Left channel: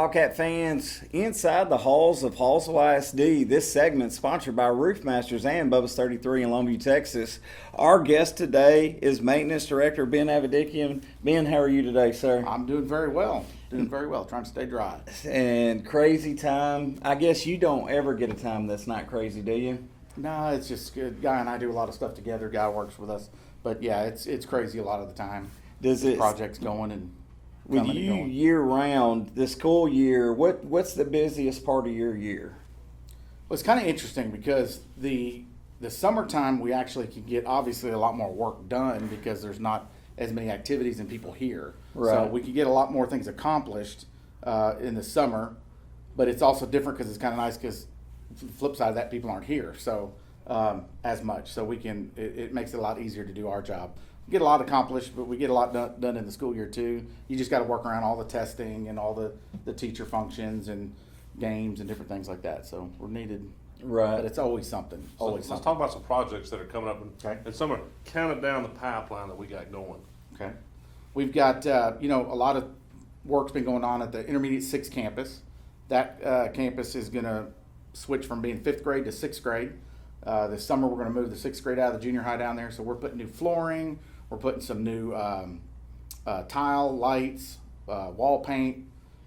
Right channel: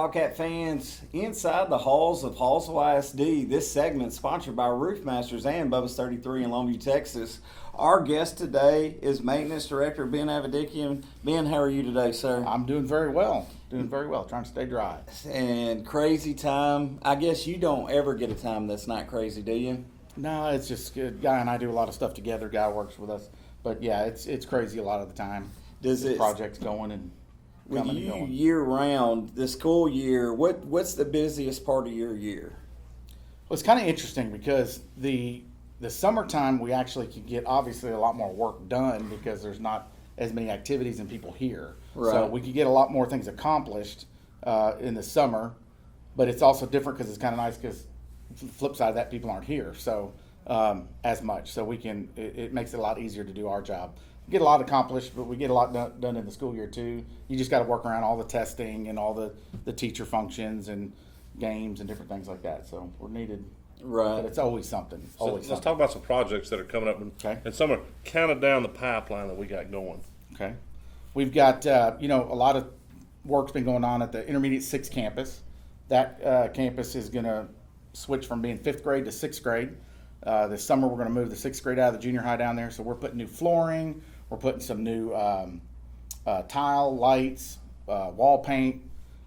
Bobcat fans, inside the halls of Hallsville ISD. This segment sponsored by Roofmasters and Bubba's 33 in Longview, Texas. Our guest today is Maintenance Director Ben Avedikian. Ben, how are you today, sir? I'm doing very well. Trying to stay dry. And crazy time. I guess you don't ever get a time that's not crazy, do you? No, it's just good. Guy and I do a lot of stuff together. Guy works with us, but yeah, it's crazy a lot of the time. Does it projects going and with coming you and going. year round? The school year. What's the busiest part of your year? Well, it's kind of interesting because the summertime we actually can get obviously a lot more work done because there's not as many activities and people here. Right. So we can get a lot more things accomplished in the summer, but it's also different because it's kind of nice because the flip side of that, people aren't here so as much. So we can it makes it a lot easier to do our job. We get a lot accomplished, but we get a lot done in the school year too. You just got to work around all the testing and all the teacher functions and games and different things like that. So we're needed. Right. But it's always something. Always Let's talk about some projects that are coming up, and some are kind of down the pipeline that we got going. Okay. We've got, a lot of work's been going on at the Intermediate 6 campus. That campus is going to switch from being 5th grade to 6th grade. This summer we're going to move the 6th grade out of the junior high down there. So we're putting new flooring. We're putting some new tile, lights, wall paint.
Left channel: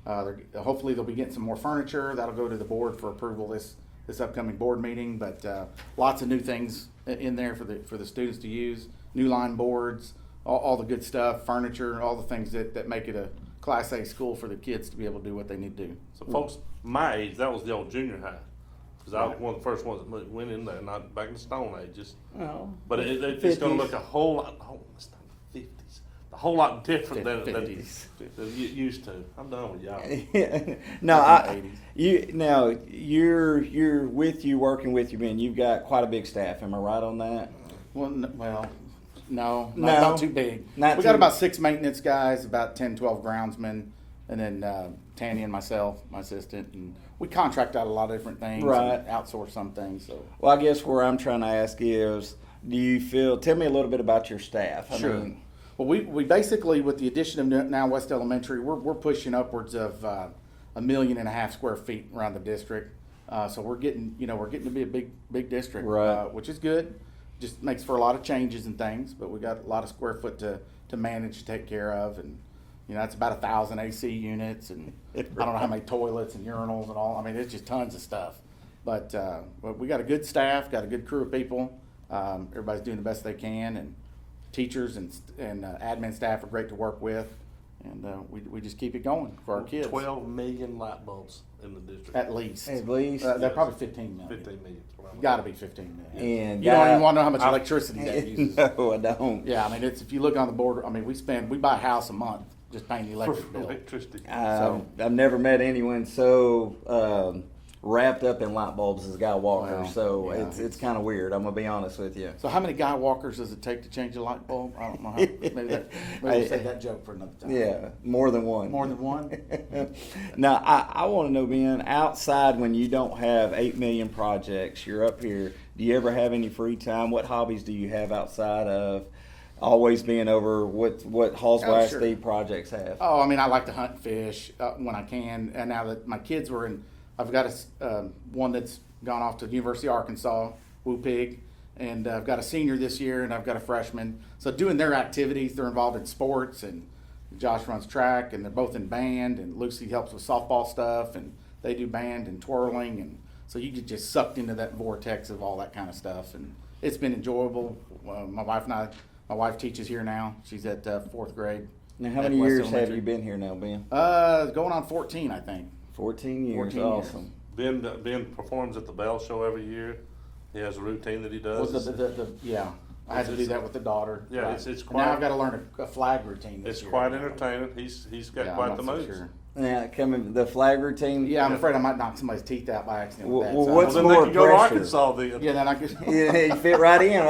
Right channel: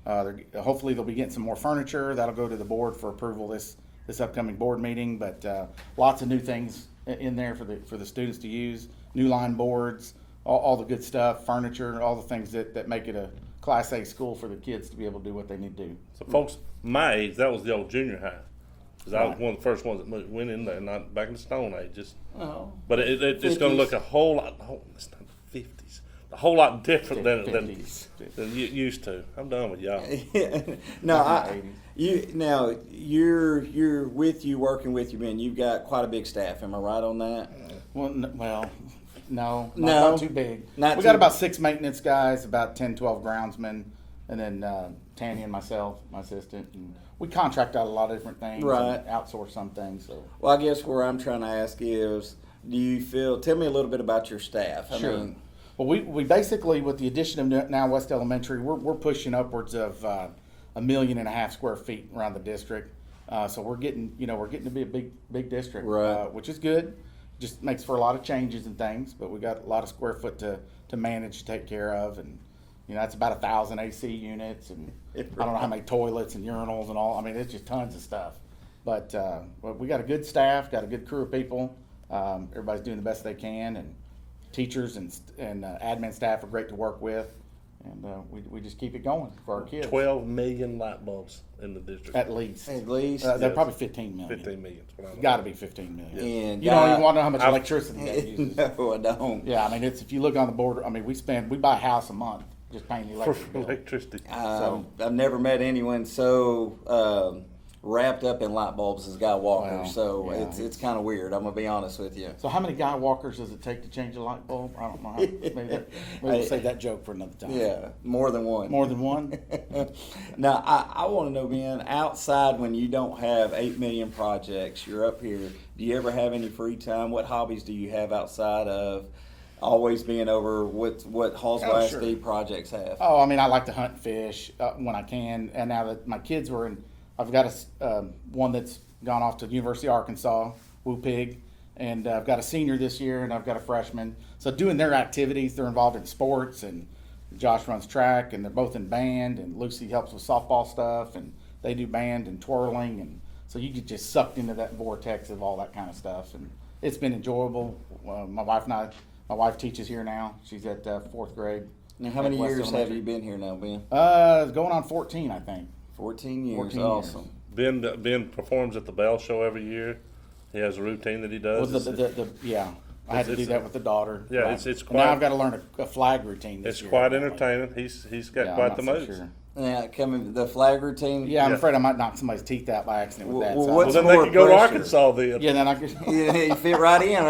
Hopefully they'll be getting some more furniture. That'll go to the board for approval this upcoming board meeting. But lots of new things in there for the students to use. New line boards. All the good stuff, furniture, all the things that make it a Class A school for the kids to be able to do what they need to do. So, folks, my age, that was the old junior high. Because I was one of the first ones that went in there, not back in the Stone Age. But it's going to look a whole lot, it's not the 50s, a whole lot different than you used to. I'm done with y'all. You're working with you, Ben. You've got quite a big staff. Am I right on that? No, not too big. We got about 6 maintenance guys, about 10, 12 groundsmen, and then Tanny and myself, my assistant, and we contract out a lot of different things and outsource some things. So, well, I guess where I'm trying to ask is, tell me a little bit about your staff. Sure. Well, we basically, with the addition of now West Elementary, we're pushing upwards of 1.5 million square feet around the district. So we're getting to be a big district, which is good. Just makes for a lot of changes and things, but we got a lot of square foot to manage to take care of, and that's about 1,000 AC units, and I don't know how many toilets and urinals and all. I mean, it's just tons of stuff. But we got a good staff, got a good crew of people. Everybody's doing the best they can, and teachers and admin staff are great to work with, and we just keep it going for our kids. 12 million light bulbs in the district. At least. They're probably 15 million. 15 million. Got to be 15 million. And you don't even want to know how much electricity that uses. No, I don't. Yeah, I mean, if you look on the board, I mean, we buy a house a month just paying the electric bill. Electricity. I've never met anyone so wrapped up in light bulbs as Guy Walker. It's kind of weird. I'm gonna be honest with you. So how many Guy Walkers does it take to change a light bulb? I don't know. Maybe we'll save that joke for another time. Yeah, more than one. More than one. Now I want to know, Ben, outside when you don't have 8 million projects, you're up here. Do you ever have any free time? What hobbies do you have outside of always being over what Hallsville ISD projects have? Oh, I mean, I like to hunt and fish when I can. And now that my kids were in. I've got one that's gone off to the University of Arkansas, Woo Pig, and I've got a senior this year, and I've got a freshman. So doing their activities, they're involved in sports, and Josh runs track, and they're both in band, and Lucy helps with softball stuff, and they do band and twirling, and so you get just sucked into that vortex of all that kind of stuff, and it's been enjoyable. My wife teaches here now. She's at 4th grade. Now, how many years have you been here now, Ben? Going on 14, I think. 14 years. 14 awesome. years. Ben performs at the Bell Show every year. He has a routine that he does. I had to do that with the daughter. Yeah, it's quite. And now I've got to learn a flag routine. It's quite entertaining. He's got quite the moves. Sure. The flag routine. Yeah, I'm afraid I might knock somebody's teeth out by accident with that. Well, then they could go to Arkansas then. Yeah, then I could. You fit right in.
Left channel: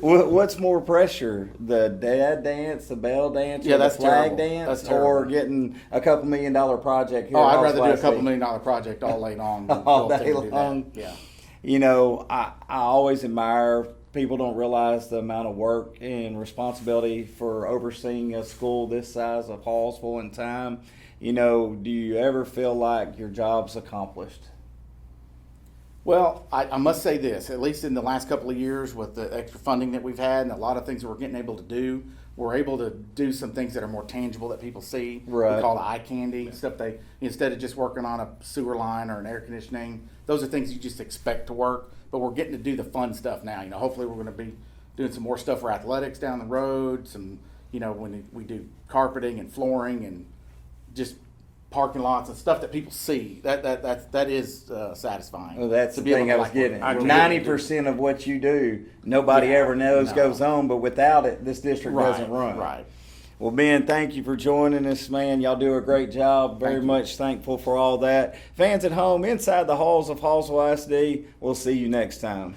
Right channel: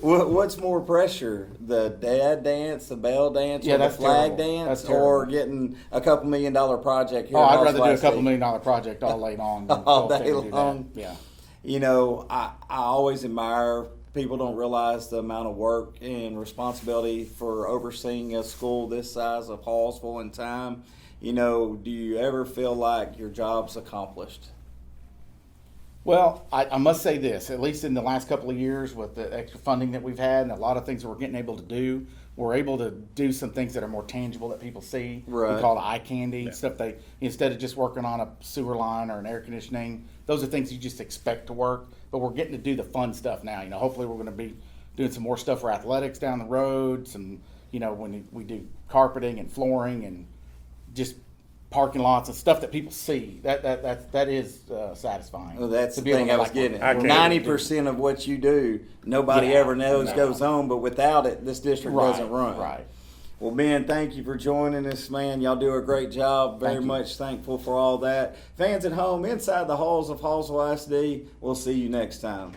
What's more pressure, the dad dance, the bell dance, or the flag dance, that's terrible. Or getting a $2 million project here? I'd rather do a $2 million project all day long than all day long. Yeah. I always admire. People don't realize the amount of work and responsibility for overseeing a school this size of Hallsville in time. do you ever feel like your job's accomplished? Well, I must say this, at least in the last couple of years with the extra funding that we've had and a lot of things that we're getting able to do, we're able to do some things that are more tangible that people see. Right. We call it eye candy, stuff instead of just working on a sewer line or an air conditioning, those are things you just expect to work, but we're getting to do the fun stuff now. Hopefully we're going to be doing some more stuff for athletics down the road, when we do carpeting and flooring and just parking lots and stuff that people see. That is satisfying. Well, that's to the be thing I was getting. 90% of what you do, nobody ever knows goes on, but without it, this district doesn't run. Right. Well, Ben, thank you for joining us, man. Y'all do a great job. Very much thankful for all that. Fans at home, inside the halls of Hallsville ISD, we'll see you next time.